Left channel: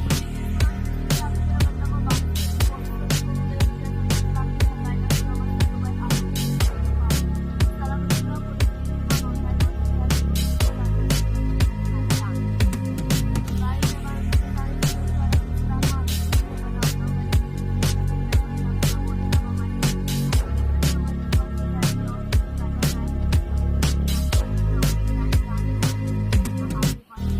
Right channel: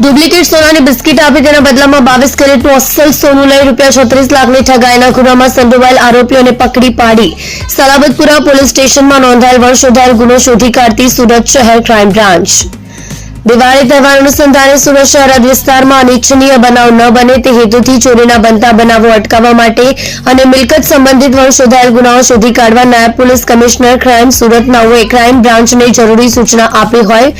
Duplicate સોનાની biscuit આપી તેના બદલામાં 22 કેરેટનું અસલ સોનું લઈ ₹36 લાખની ઠગાઈના ગુનામાં સંડોવાયેલ આરોપીઓને પકડી પાડી સલાબતપુરા પોલીસ સ્ટેશનમાં નોંધાયેલ વંશોદ્ધાર ગુનો શોધી કાઢતી સુરત શહેર ક્રાઇમ બ્રાન્ચ। દિવાળી તહેવાર અનુસંધાને સુરત શહેર વિસ્તારમાં અનિચ્છનીય બનાવ ન બને તે હેતુથી ચોરીના બનતા બનાવો અટકાવવા માટે અને મિલકત સંબંધિત વંશોદ્ધાર ગુનાઓ શોધી કાઢવા નાયબ પોલીસ કમિશનર ક્રાઇમ સુરત નાઓએ ક્રાઇમ બ્રાન્ચને જરૂરી સૂચના આપી હોય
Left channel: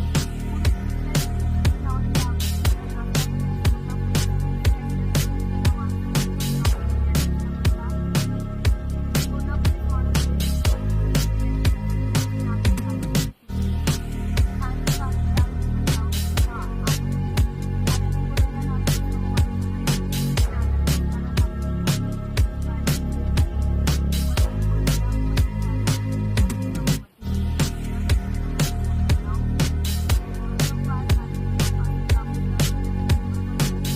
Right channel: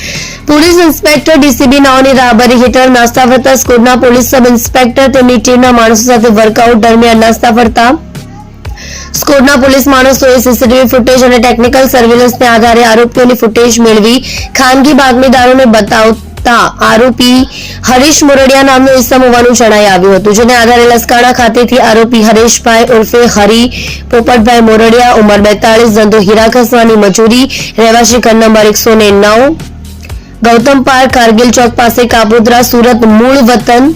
પોલીસ ઇન્સ્પેક્ટર ડીસીબી નાઓની રાહબરી હેઠળ નાસ્તા ફરતા સ્કોડના પોલીસ સબ ઇન્સ્પેક્ટર તેમની ટીમના માણસો સાથે વર્કઆઉટ દરમિયાન નાસ્તા ફરતા સ્કોડના પોલીસ માણસોએ સીસીટીવી ફૂટેજ અને ટેકનિકલ સર્વેલન્સને આધારે આરોપીઓની ફૂટેજ મેળવી ખાનગી બાતમીદારોને બતાવતા આરોપી હરીશ મોરડિયા નામનો ઇસમ હોવાનું જણાઈ આવ્યું હતું, જેને આધારે લસકાણા ખાતેથી આરોપી હરેશભાઈ ઉર્ફે હરી પોપટભાઈ મોરડિયા ઉંમર 42 ધંધો હીરા ઘસવાની મજૂરી રહેવાસી ઘર નંબર 109 ગૌતમ પાર્ક કારગિલ ચોક પાસે કાપોદ્રા સુરત મૂળ વતન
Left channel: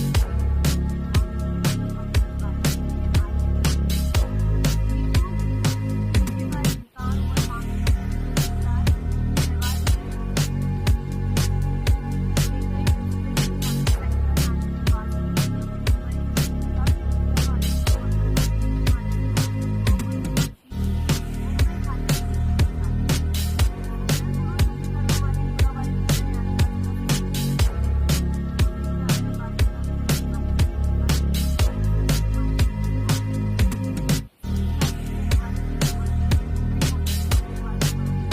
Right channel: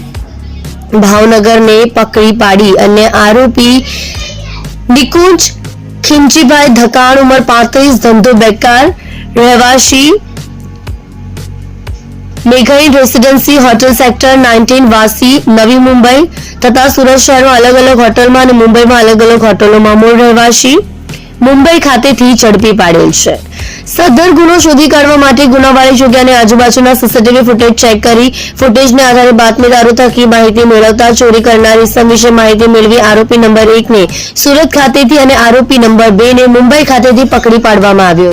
ભાવનગરને પકડી પાડી અને આરોપી નિકુંજ ખીમજીભાઈ ધકાણ ઉંમર 35 ધંધો બેકાર રહેવાસી મેઘઈ રેસિડેન્સી હોટેલ સેક્ટર 19 વાસી નવી મુંબઈ તથા સુરત શહેરમાં અલગ અલગ હોટલમાં અને મુંબઈમાં અલગ અલગ હોટલોમાં મૂળ રહેવાસી મુંબઈ ખાતેથી ઝડપી પાડેલ છે। સદર ગુનો શોધી કાઢવા માટે ગુનાવાળી જગ્યા અને આજુબાજુના સીસીટીવી ફૂટેજ ચેક કરી ફૂટેજને આધારે બાતમીદારો થકી માહિતી મેળવતા ચોરી કરનાર ઇસમ વિશે માહિતી મેળવી આરોપી નંબર 1 ને સુરત ખાતેથી અને આરોપી નંબર 2 ને મુંબઈ ખાતેથી પકડી પાડવામાં આવ્યો।